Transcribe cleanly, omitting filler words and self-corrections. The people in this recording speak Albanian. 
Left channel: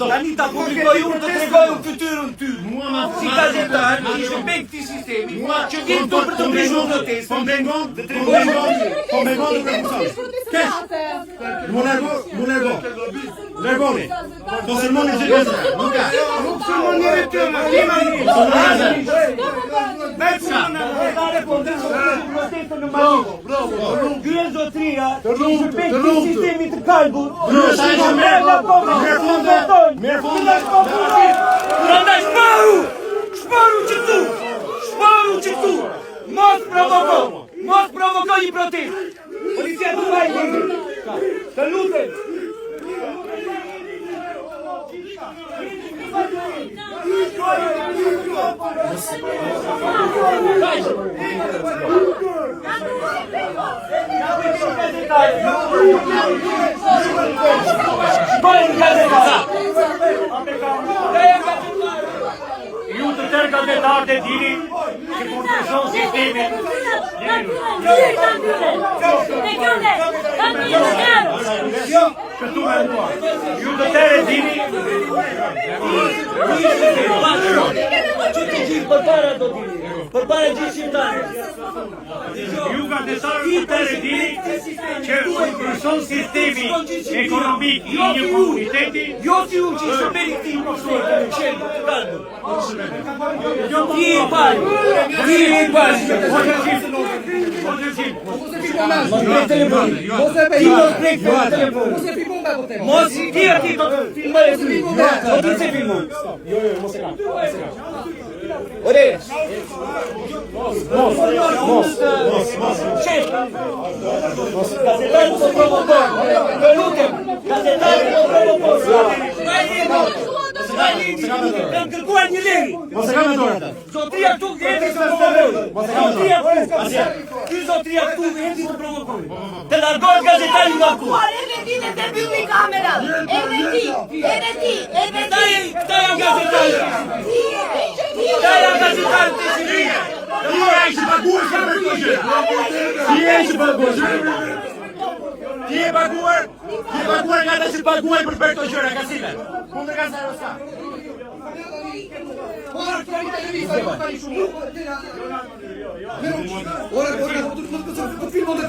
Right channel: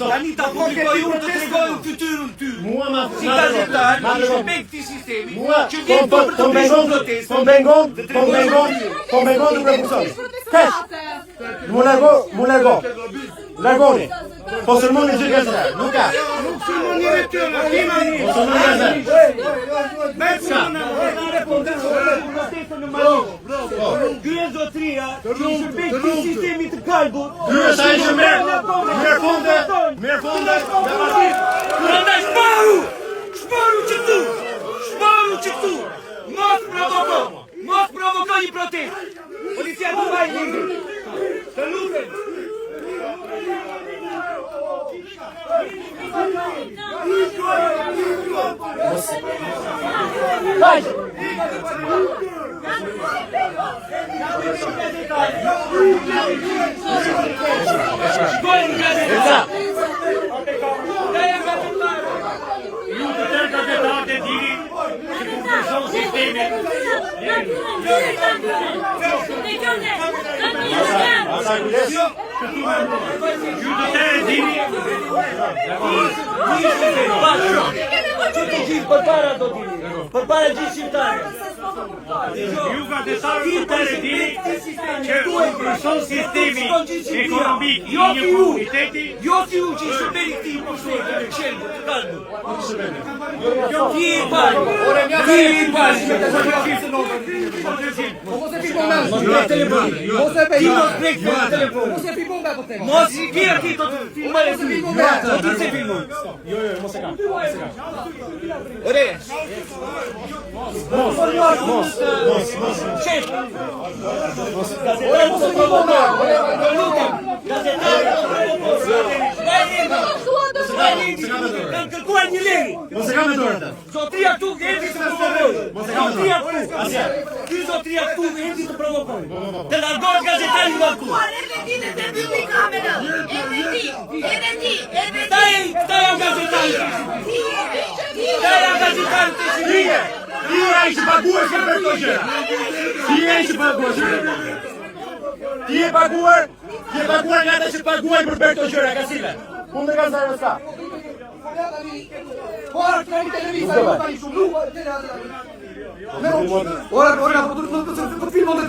Tani ta publikoj unë të tregoj unë fytyrën ty. Si gazetar, ishte me këtij sistemi që vjen këtu për të bërë protestë. Po mengon duke funksion. Kesh. Mu largoni. Po sermoni që gazetar. Nuk ka. Nuk sermoni ty, Gjen zotria, shërbej këtij sistemi të kalbut. Prandaj shparu që tu. Mos provoko një protestë. Policia të vaj një. Të lutem. Ju të tërë gazetarët e dini që kur ndryshon sistemi. Ju të tërë e dini. Përpara gjithë shqiptarëve. Ju gazetarët të tërë e dini që kur ndryshon sistemi ekonomik i një komuniteti. Jo si u që shërbeni këtij impostori në qelë të kalbut. Ti i pari. Mos i ti ati do të filmare të mi. Do të se filmon. Jo, mos e ka. Ore. Mos. Qef. Gazetarë të provokoj. Të lutem. Gazetarë të provokoj. Kërkuar një liri. Mos e ka me dorë atë. Zotria këtu erdhi të provokoj. Ky zotria këtu erdhi të provokoj. Të largohet gazetari nga këtu. Të mbylli kamerat. Edhe ti. Këta janë gazetarë. Këta janë gazetarë të shqiptarë. Ti je i paguar për këto gjë. Ti je paguar nga ata që paguajnë për këto gjëra, ka cilën. Kundër gazetarëve ska. Ora, po të filmon të